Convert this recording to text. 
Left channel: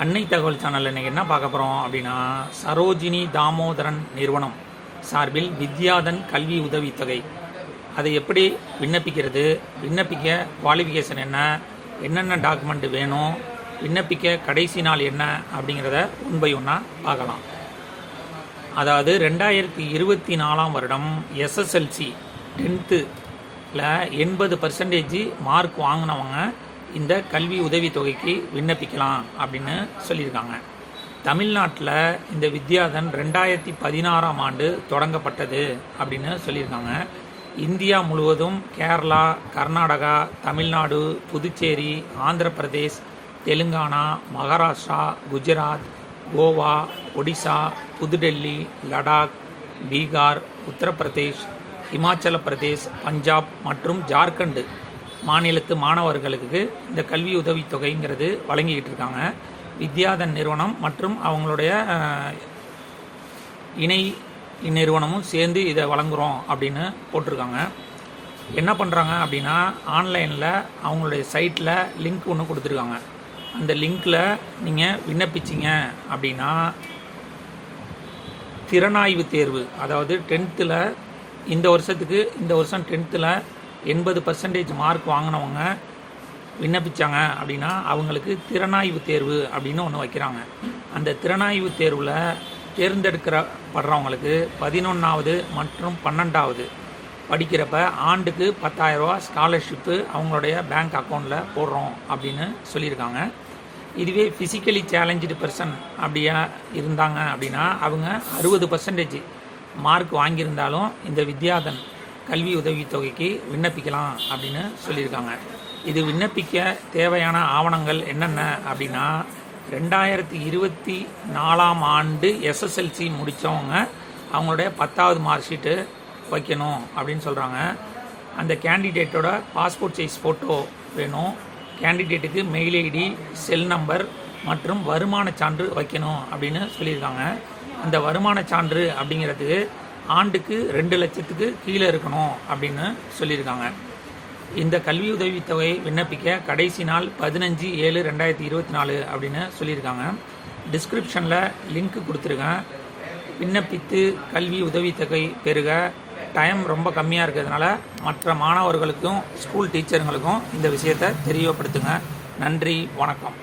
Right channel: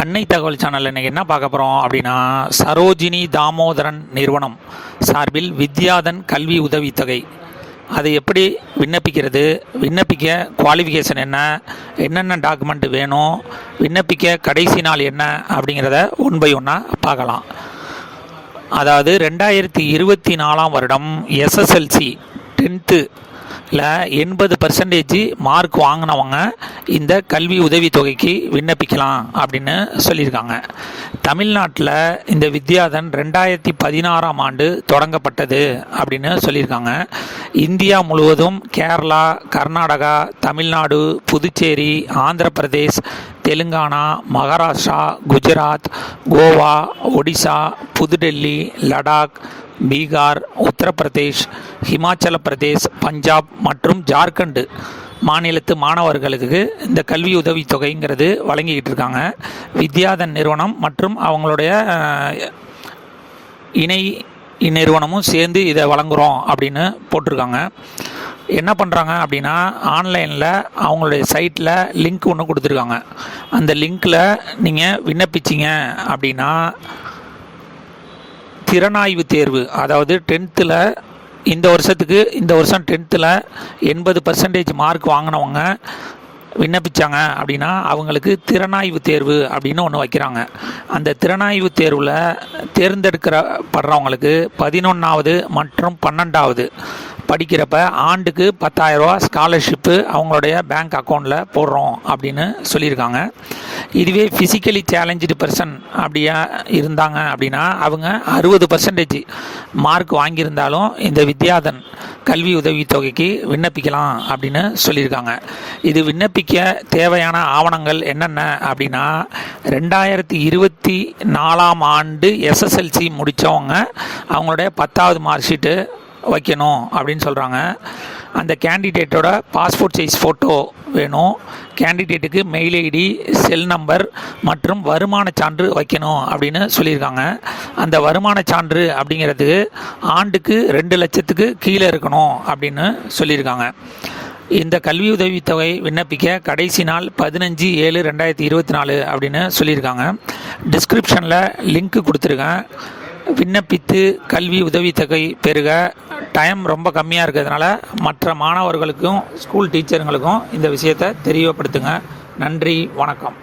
அன்னை தகவல் சேனலில் இன்றைக்கி என்ன பார்க்க போகிறோம் அப்படின்னா சரோஜினி தாமோதரன் நிறுவனம் சார்பில் வித்யாதன் கல்வி உதவித்தொகை அதை எப்படி விண்ணப்பிக்கிறது? விண்ணப்பிக்க குவாலிஃபிகேஷன் என்ன? என்னென்ன டாக்குமெண்ட் வேணும்? விண்ணப்பிக்க கடைசி நாள் என்ன? அப்படிங்கிறத ஒன் பை ஒன்னாக பார்க்கலாம். அதாவது ரெண்டாயிரத்தி இருபத்தி நாலாம் வருடம் எஸ்எஸ்எல்சி டென்த்து எண்பது பர்சன்டேஜ் மார்க் வாங்கினவங்க இந்த கல்வி உதவித்தொகைக்கு விண்ணப்பிக்கலாம் அப்படின்னு சொல்லியிருக்காங்க. தமிழ்நாட்டில் இந்த வித்யாதன் ரெண்டாயிரத்தி பதினாறாம் ஆண்டு தொடங்கப்பட்டது அப்படின்னு சொல்லியிருக்காங்க. இந்தியா முழுவதும் கேரளா கர்நாடகா தமிழ்நாடு புதுச்சேரி ஆந்திர பிரதேஷ் தெலுங்கானா மகாராஷ்டிரா குஜராத் கோவா ஒடிசா புதுடெல்லி லடாக் பீகார் உத்தரப்பிரதேஷ் ஹிமாச்சல பிரதேஷ் பஞ்சாப் மற்றும் ஜார்க்கண்டு மாநிலத்து மாணவர்களுக்கு இந்த கல்வி உதவித்தொகைங்கிறது வழங்கிக்கிட்டு இருக்காங்க. வித்யாதன் நிறுவனம் மற்றும் அவங்களுடைய இணை நிறுவனமும் சேர்ந்து இதை வழங்குகிறோம் அப்படின்னு போட்டிருக்காங்க. என்ன பண்ணுறாங்க அப்படின்னா ஆன்லைனில் அவங்களுடைய சைட்டில் லிங்க் ஒன்று கொடுத்துருக்காங்க. அந்த லிங்க்கில் நீங்கள் விண்ணப்பிச்சிங்க அப்படின்னா திறனாய்வு தேர்வு. அதாவது டென்த்தில் இந்த வருஷத்துக்கு இந்த வருஷம் டென்த்தில் எண்பது பர்சன்டேஜ் மார்க் வாங்கினவங்க விண்ணப்பிச்சாங்க அப்படின்னா அவங்களுக்கு திறனாய்வு தேர்வு அப்படின்னு ஒன்று வைக்கிறாங்க. அந்த திறனாய்வு தேர்வில் தேர்ந்தெடுக்கிற படுறவங்களுக்கு பதினொன்றாவது மற்றும் பன்னெண்டாவது படிக்கிறப்ப ஆண்டுக்கு பத்தாயிரரூவா ஸ்காலர்ஷிப்பு அவங்களுடைய பேங்க் அக்கௌண்ட்டில் போடுறோம் அப்படின்னு சொல்லியிருக்காங்க. இதுவே ஃபிசிக்கலி சேலஞ்சு பர்சன் அப்படியா இருந்தாங்க அப்படின்னா அவங்க அறுபது பர்சன்டேஜ் மார்க் வாங்கியிருந்தாலும் இந்த வித்யாதன் கல்வி உதவித்தொகைக்கு விண்ணப்பிக்கலாம் அப்படின்னு சொல்லியிருக்காங்க. இது விண்ணப்பிக்க தேவையான ஆவணங்கள் என்னென்ன அப்படின்னா ரெண்டாயிரத்தி இருபத்தி நாலாம் ஆண்டு எஸ்எஸ்எல்சி முடித்தவங்க அவங்களுடைய பத்தாவது மார்க் ஷீட்டு வைக்கணும் அப்படின்னு சொல்கிறாங்க அந்த கேண்டிடேட்டோட பாஸ்போர்ட் சைஸ் ஃபோட்டோ வேணும். கேண்டிடேட்டுக்கு மெயில் ஐடி செல் நம்பர் மற்றும் வருமான சான்று வைக்கணும் அப்படின்னு சொல்லியிருக்காங்க. அந்த வருமான சான்று அப்படிங்கிறது ஆண்டுக்கு ரெண்டு லட்சத்துக்கு கீழே இருக்கணும் அப்படின்னு சொல்லியிருக்காங்க. இந்த கல்வி உதவித்தொகை விண்ணப்பிக்க கடைசி நாள் பதினஞ்சு ஏழு ரெண்டாயிரத்தி இருபத்தி நாலு அப்படின்னு சொல்லியிருக்காங்க. டிஸ்கிரிப்ஷனில் லிங்க் கொடுத்துருக்கேன். விண்ணப்பித்து கல்வி உதவித்தொகை பெறுக. டைம் ரொம்ப கம்மியாக இருக்கிறதுனால மற்ற மாணவர்களுக்கும் ஸ்கூல் டீச்சருங்களுக்கும் இந்த விஷயத்தை தெரியப்படுத்துங்க. நன்றி வணக்கம்.